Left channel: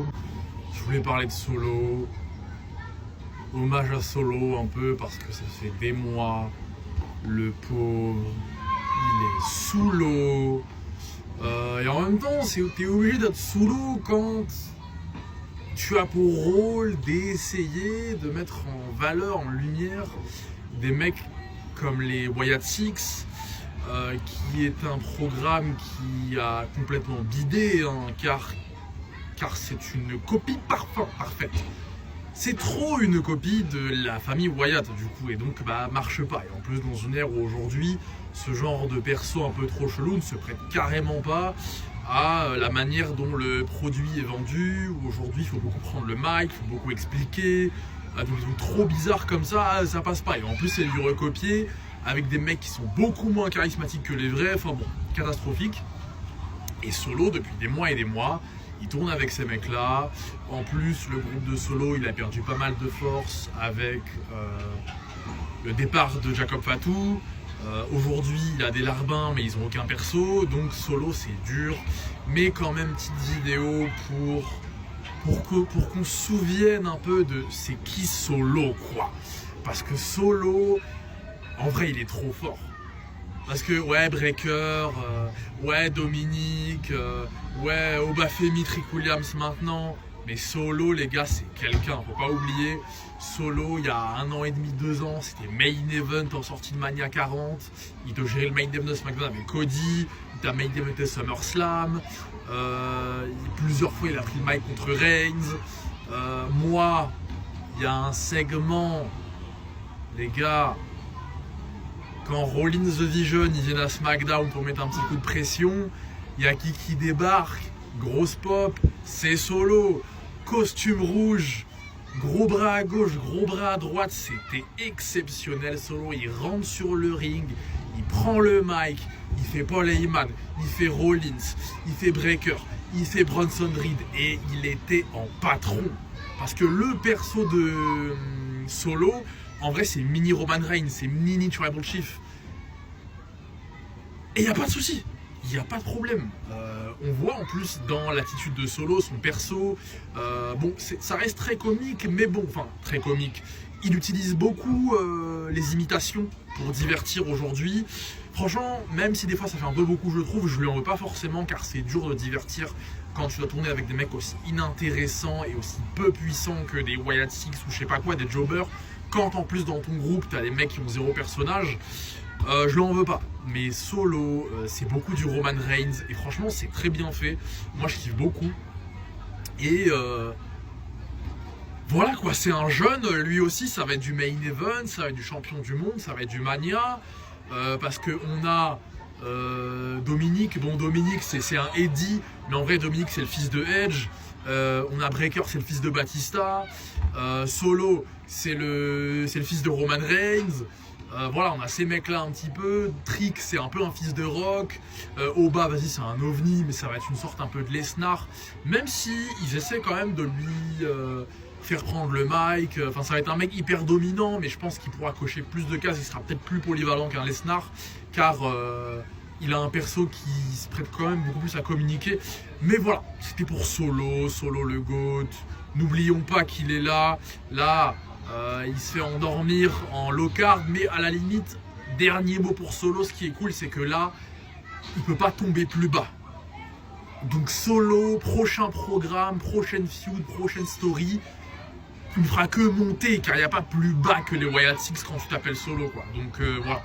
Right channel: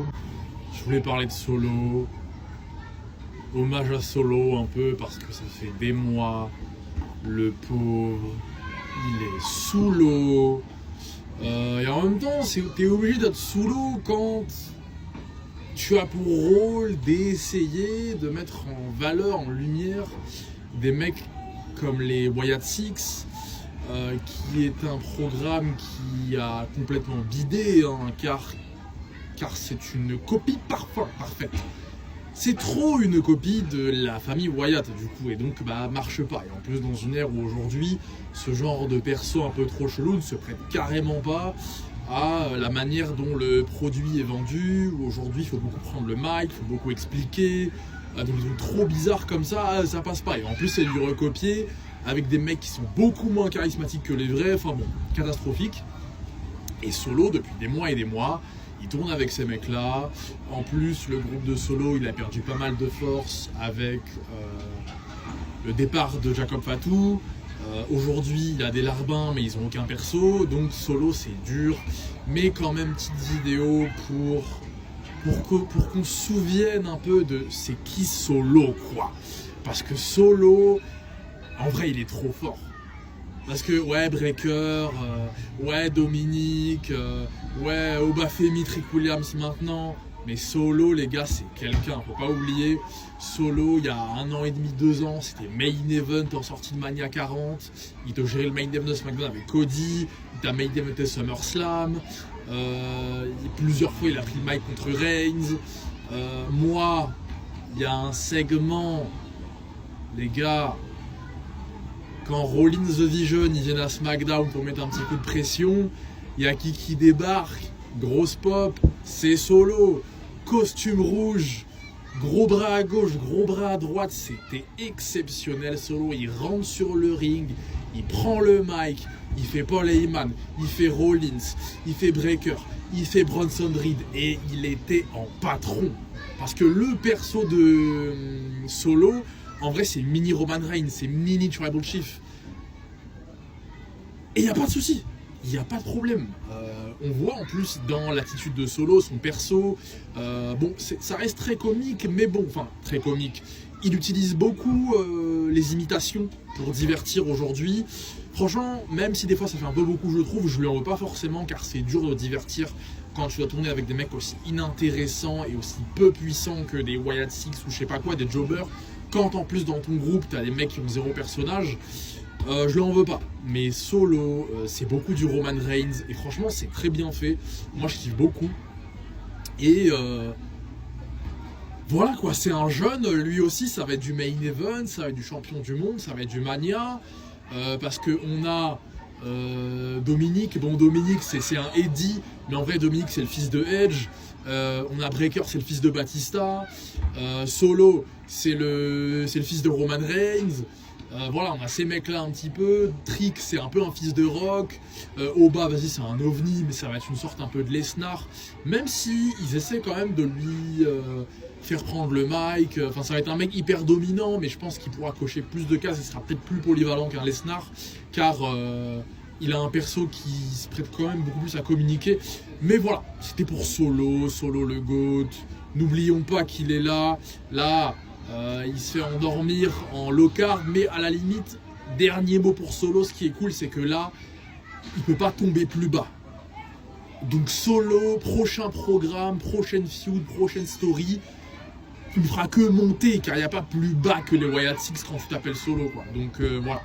Solo. Je voulais parler de Solo. Hommage à Solo un peu parce que ça fait des mois. Le pauvre, il est sous l'eau. Et en même temps, t'es obligé d'être sous l'eau quand tu as pour rôle d'essayer de mettre en valeur, en lumière, des mecs comme les Wyatt Six, qui est un programme qui a complètement bidé, hein, car c'est une copie parfaite. C'est trop une copie de la famille Wyatt du coup, et donc marche pas. Et en plus dans une ère où aujourd'hui ce genre de perso un peu trop chelou ne se prête carrément pas à la manière dont le produit est vendu, où aujourd'hui il faut beaucoup prendre le mic, il faut beaucoup expliquer, donc ils sont trop bizarres comme ça passe pas. Et en plus c'est du recopier avec des mecs qui sont beaucoup moins charismatiques que les vrais, enfin bon, catastrophique. Et Solo depuis des mois et des mois, il tourne avec ces mecs-là. En plus, le groupe de Solo, il a perdu pas mal de force avec le départ de Jacob Fatou. Aujourd'hui, il a des larbins, mais ils n'ont aucun perso. Donc Solo, c'est dur. Mais quand même, petite vidéo pour qu'on se souvienne un peu de c'est qui Solo, quoi. Parce que Solo, en vrai, il est trop fort. Parce que, ouais, Breaker, ouais, Dominique, ouais, Obafemi, Trick Williams maintenant. Mais Solo, les gars, c'est quelqu'un, faut pas oublier. Solo, il y a 1 an et demi, 2 ans, c'était main event en sortie de Mania 40. Il doit gérer le main event de SmackDown avec Cody. Il a main event SummerSlam. Plusieurs fois, il a pris le mic contre Reigns. Moi, il y a un segment, les gars. Quand Rollins The Vision, ils viennent à SmackDown pour mettre un petit coup de pression, il y a qui débarque, grosse pop, c'est Solo, costume rouge, gros bras à gauche, gros bras à droite, c'était exceptionnel. Solo, il rentre sur le ring, il prend le mic, il fait Paul Heyman, il fait Rollins, il fait Breaker, il fait Bronson Reed, et il était en patron. Parce que le perso de Solo, en vrai, c'est mini Roman Reigns, c'est mini Tribal Chief. Et il n'y a pas de souci, il n'y a pas de problème. On voit en plus dans l'attitude de Solo, son perso, bon, ça reste très comique, mais bon, enfin, très comique. Il utilise beaucoup les imitations pour divertir aujourd'hui. Franchement, même si des fois ça fait un peu beaucoup, je trouve, je lui en veux pas forcément, car c'est dur de divertir quand tu dois tourner avec des mecs aussi inintéressants et aussi peu puissants que des Wyatt Six ou je sais pas quoi, des jobbers. Quand en plus dans ton groupe, t'as des mecs qui ont 0 personnage, je lui en veux pas. Mais Solo, c'est beaucoup du Roman Reigns et franchement, c'est très bien fait. Moi, je kiffe beaucoup. Et voilà quoi, c'est un jeune, lui aussi, ça va être du main event, ça va être du champion du monde, ça va être du Mania. Parce qu'on a Dominique, bon Dominique c'est un Eddie, mais en vrai Dominique c'est le fils de Edge. On a Breaker, c'est le fils de Batista. Solo, c'est le fils de Roman Reigns. Voilà, on a ces mecs là un petit peu. Trick, c'est un peu un fils de Rock. Oba, vas-y, c'est un ovni, mais ça va être une sorte un peu de Lesnar. Même si ils essaient quand même de lui faire prendre le mic. Enfin, ça va être un mec hyper dominant, mais je pense qu'il pourra cocher plus de cases. Il sera peut-être plus polyvalent qu'un Lesnar, car il a un perso qui se prête quand même beaucoup plus à communiquer. Mais voilà, c'était pour Solo le GOAT. N'oublions pas qu'il est là. Il se fait endormir en low carb, mais à la limite, dernier mot pour Solo, ce qui est cool, c'est que là, il peut pas tomber plus bas. Donc Solo, prochain programme, prochaine feud, prochaine story, il ne fera que monter, car il n'y a pas plus bas que les Wyatt Six quand tu t'appelles Solo, quoi. Donc voilà.